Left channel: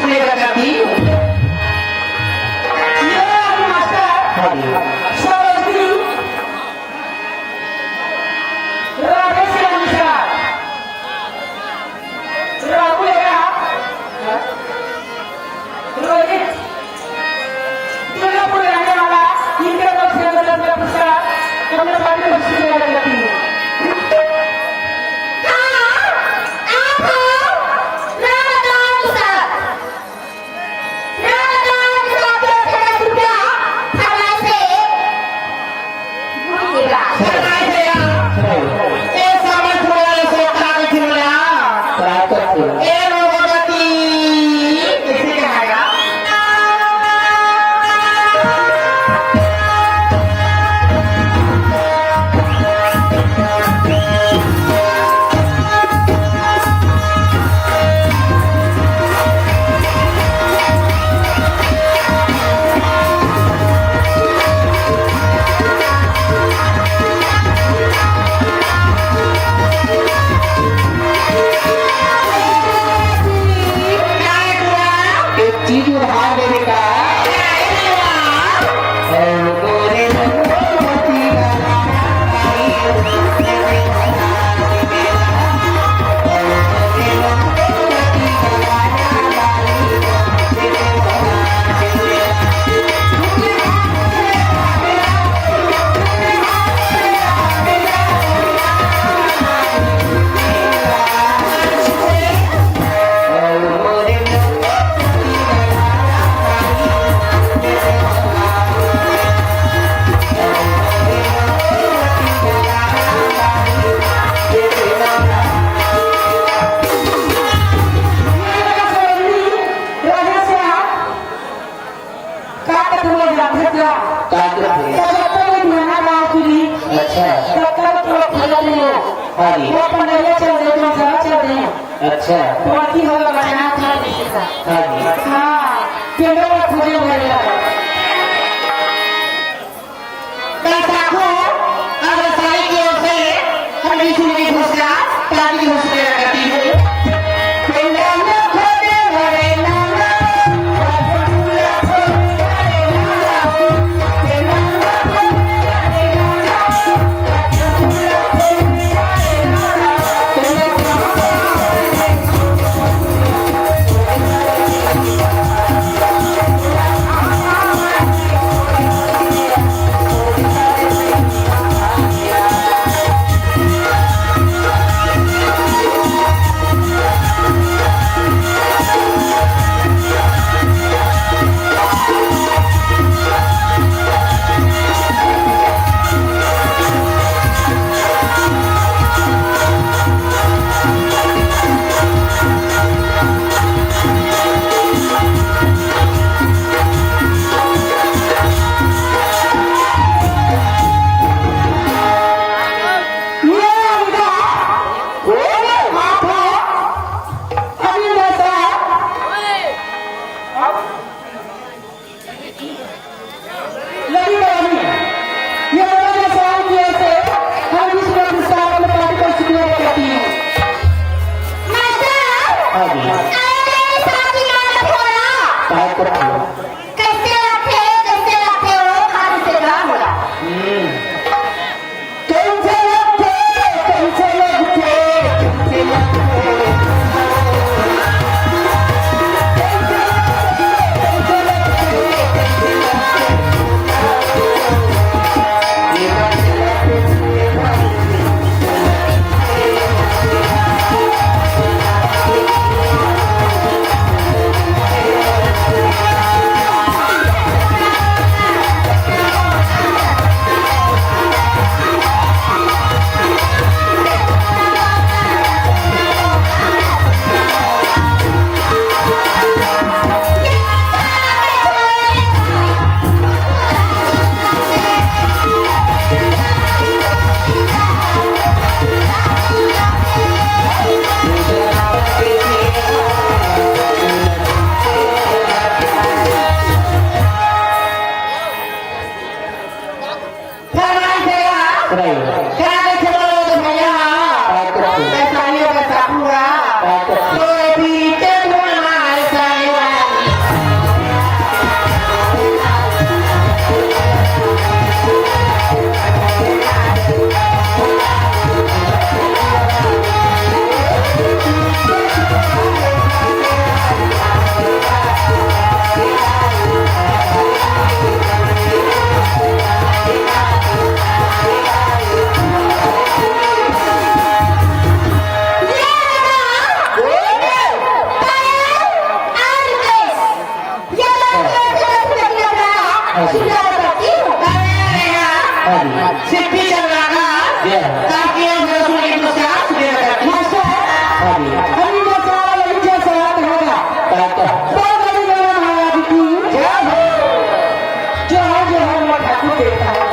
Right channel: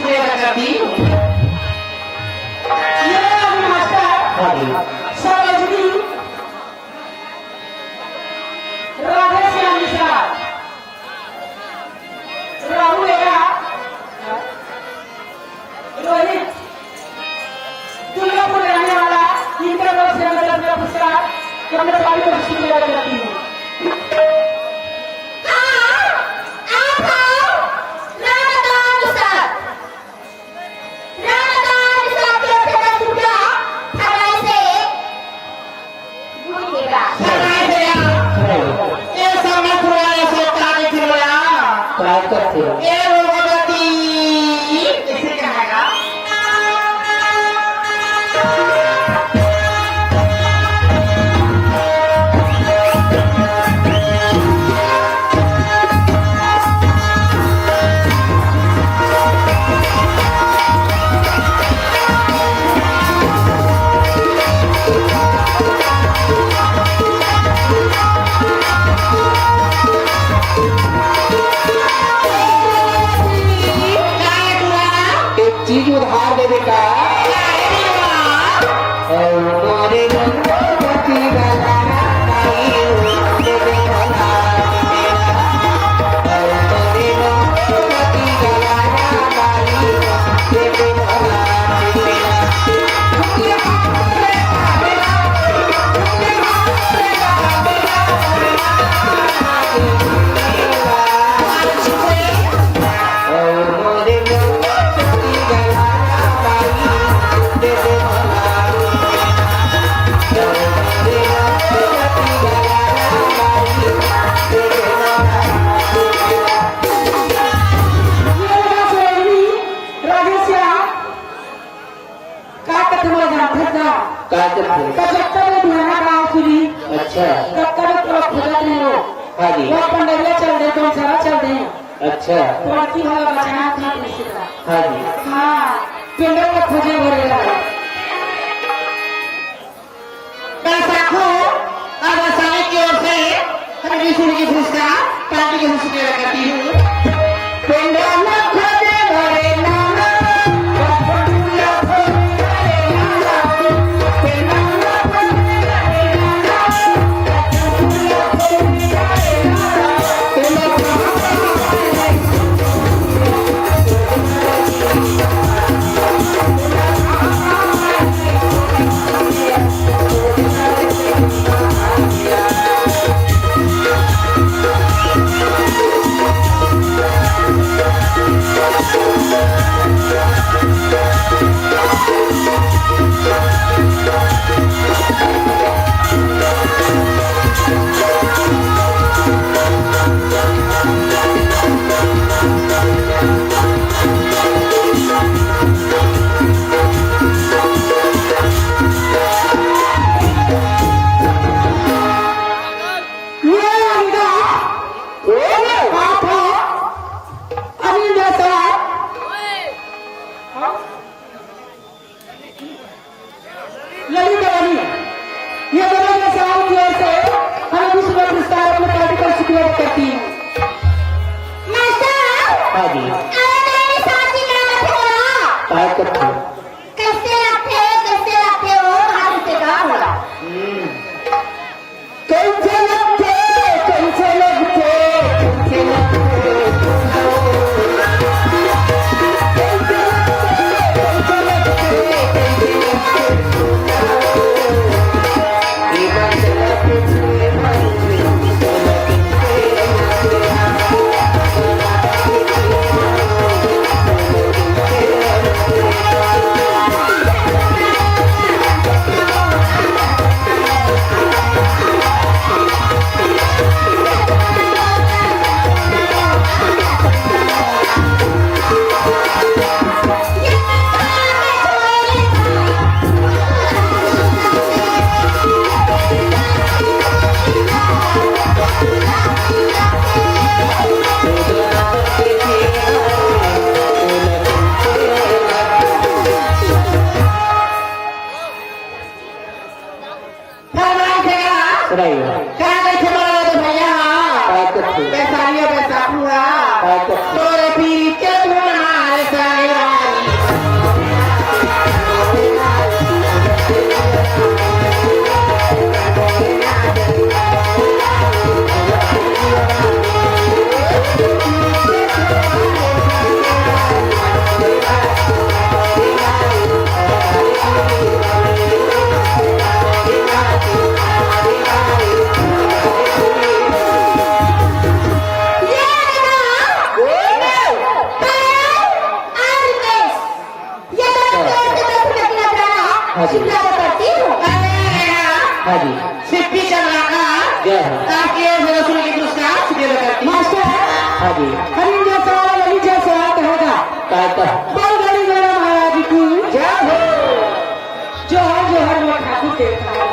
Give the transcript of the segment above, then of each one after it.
शुक्रिया अदा करती हूँ। ये मास्टर हाँ जी समझनी राधे श्याम निषाद राहुल एरा रोहित दुर्गापुर रहने वाला इंटर वर्ग से पुरस्कार अपने बाकी को शुक्रिया अदा करती हूँ। चीज उधार देने का अच्छा बाकी है बताना था निश्चित हाँ जी हाँ केंद्र में खोजे गए साथियों अब व्यवसाय की ओर से हम विष्णु की घोषणा पार्टी की घोषणा करती हूँ। केंद्र में खोजे गए Apa? करती हूँ हाँ जी सिद्धि चलाना जय हो ताकि आज रसूल की मुस्कान सुबह करती हूँ हाँ जी हरी जैसा वही जैसा होगा कहते बल बड़ी मेरा महाराज की जय हो जो है मैं ठाकुर देता है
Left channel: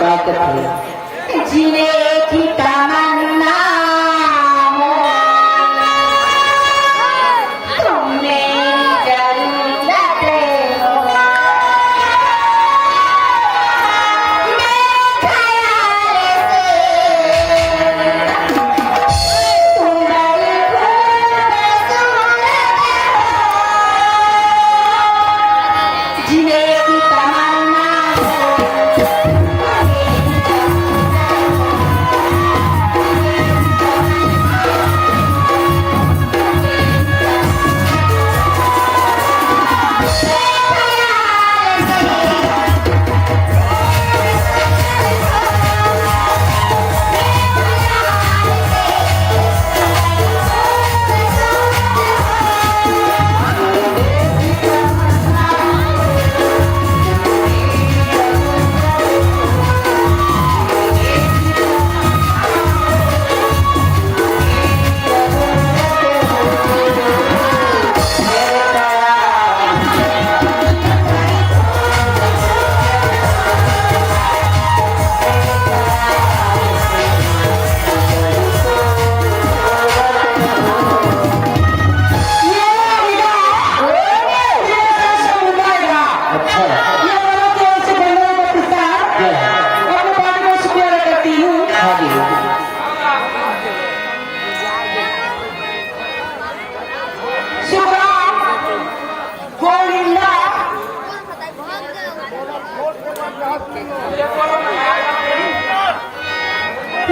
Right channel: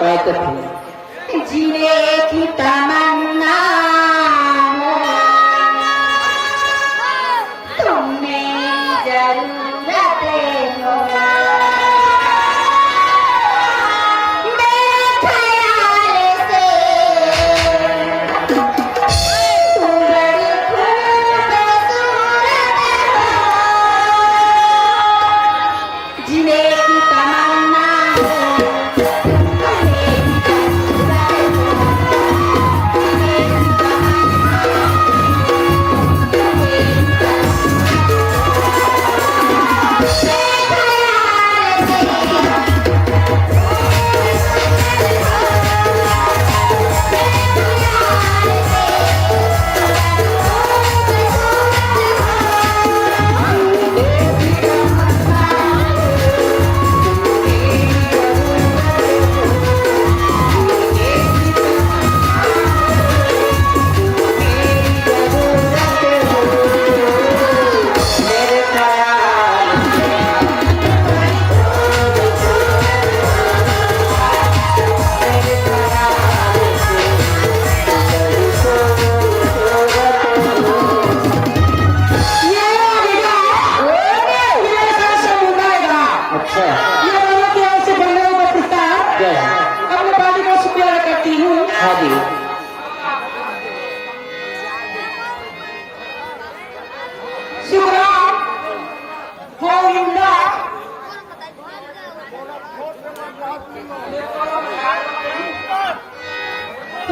कहते थे जीने की तमन्ना हो तुम मेरी जरूरत हो मेरे ख्याल से तुम बड़ी खूबसूरत हो जीने की तमन्ना हो अच्छा ये मानो कि ऐसे बंदे को पुस्तक जय हो अपने पानी का शुक्रिया करती हूँ हाँ जी शुक्र गोविंदा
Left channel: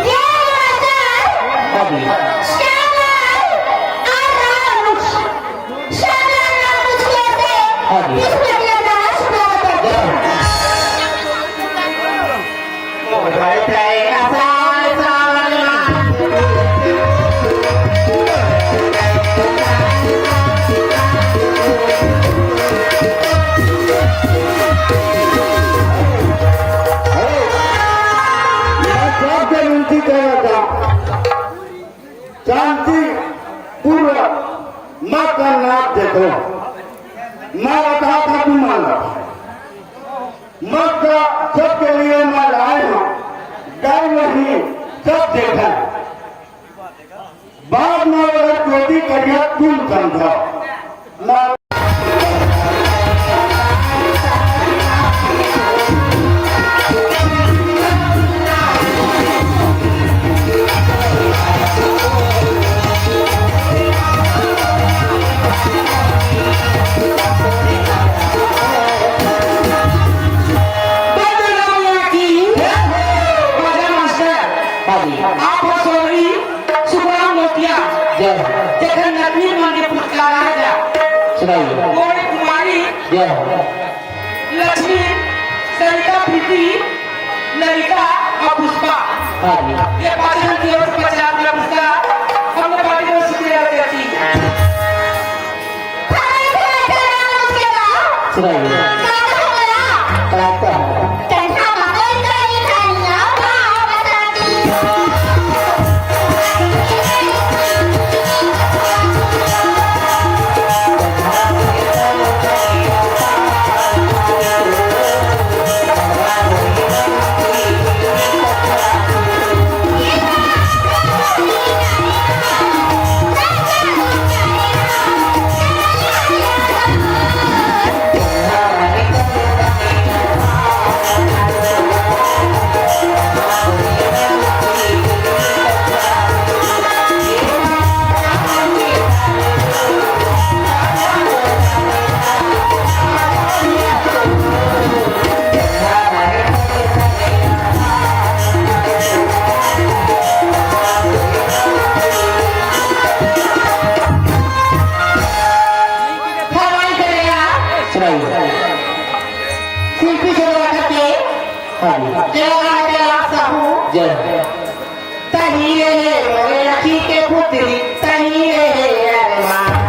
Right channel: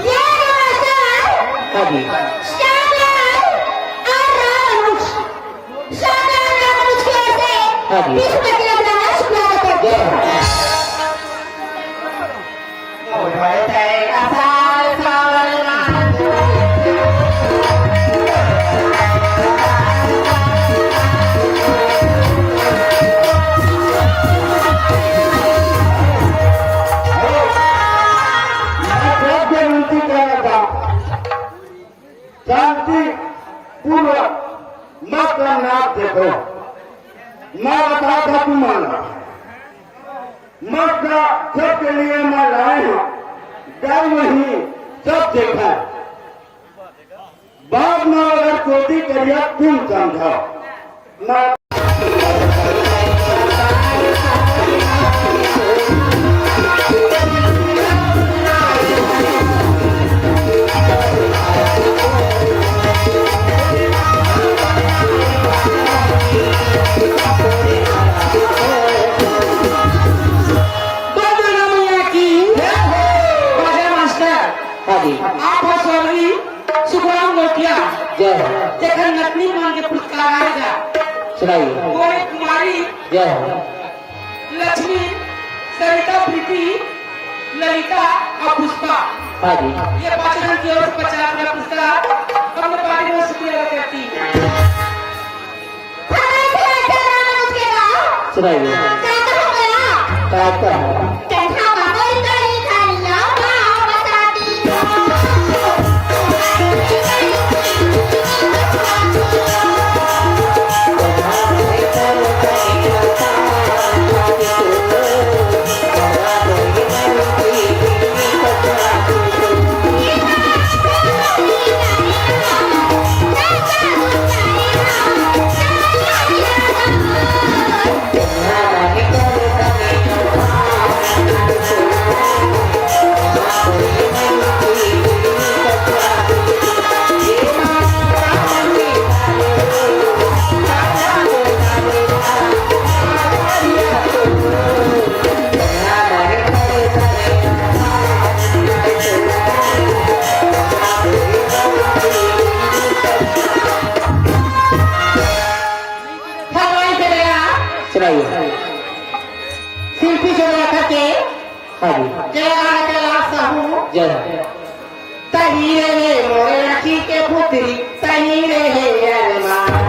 ये नमस्कार हाँ जी शाबाश और रानुष शाबाश रानुष कैसे हाँ जी इसमें क्या ब्रह्मा शुक्रिया करते जय हैं हो विनती करेगा शांति पूर्वक माँ का नाम देखो माँ बता था तुम माना माँ का सबके लिए मैं लाए हूँ गाय नहीं सब देखा बाद में अगर चोटी करिया तुम समझो माँ हाँ जी आप सभी सुगम लोटिया जय हो देखन नकली नाम के पुरस्कार आएगा सुनाइए गोरे कुमारी जय हो लक्ष्मी सरिता प्रीति ललिता और पुष्पा हाँ जी ये पाचन की ओर से 50 अपना पुरस्कार हमने पार्टी में शुक्रिया करती है सुनाइए कहते हैं केला केला सहू जय हो तही रे मोरे अखी के पुत्री तही रे अरमान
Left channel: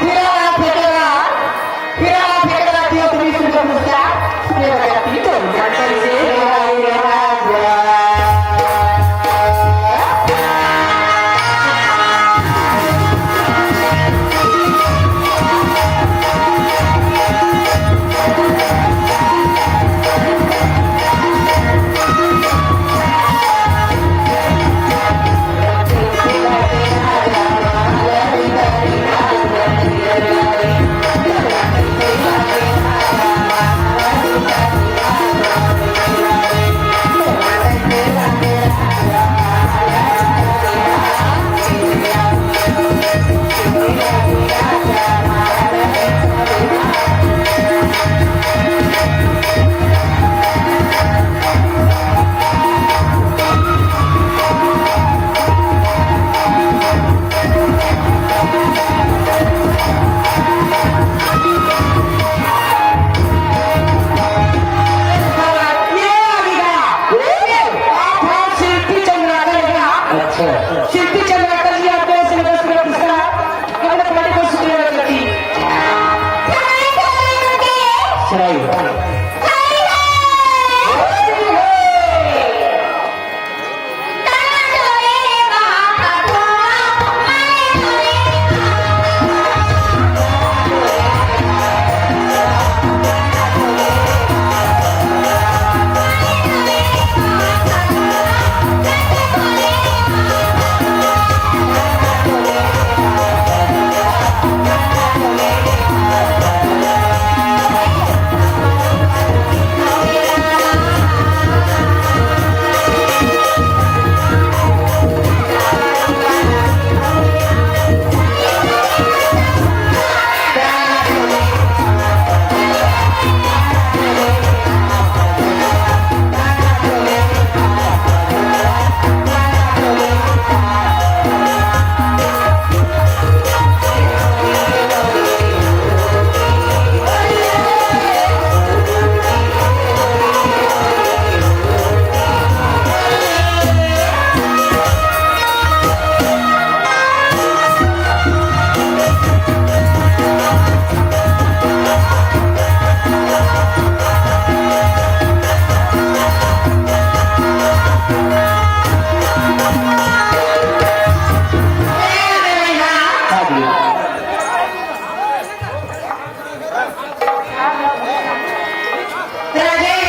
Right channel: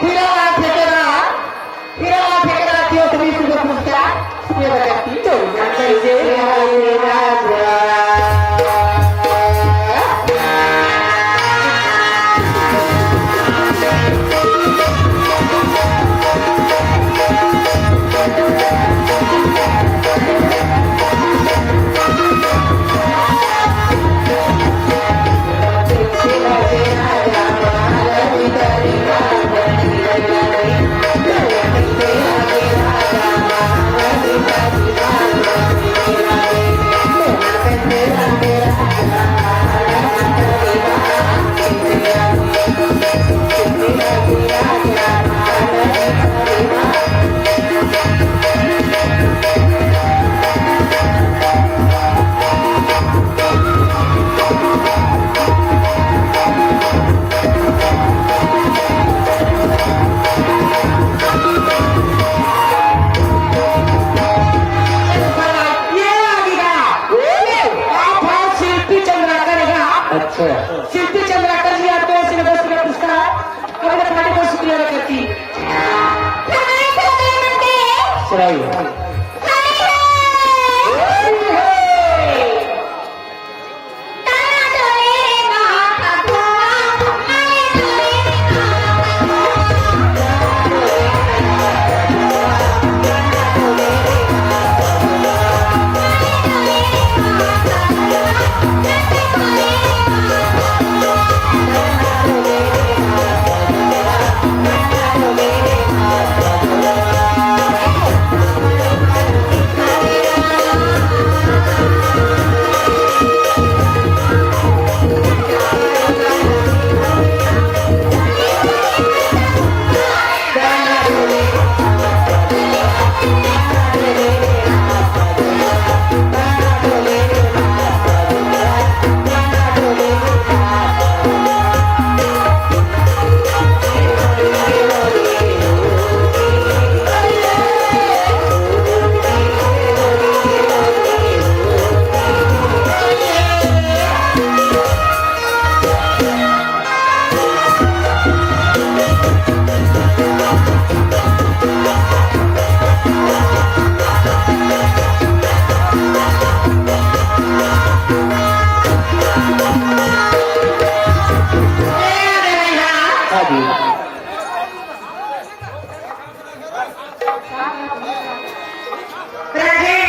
फिरायला फेकला किंवा तुम्ही सूर्यपुरस्कार सुनेला व्यक्ती अच्छा शिल्पी चंद्राकर जी आपल्या संघर्ष पुरस्कार एवढ्या पाठीवर सुटलेल्या करती शिवाई राजे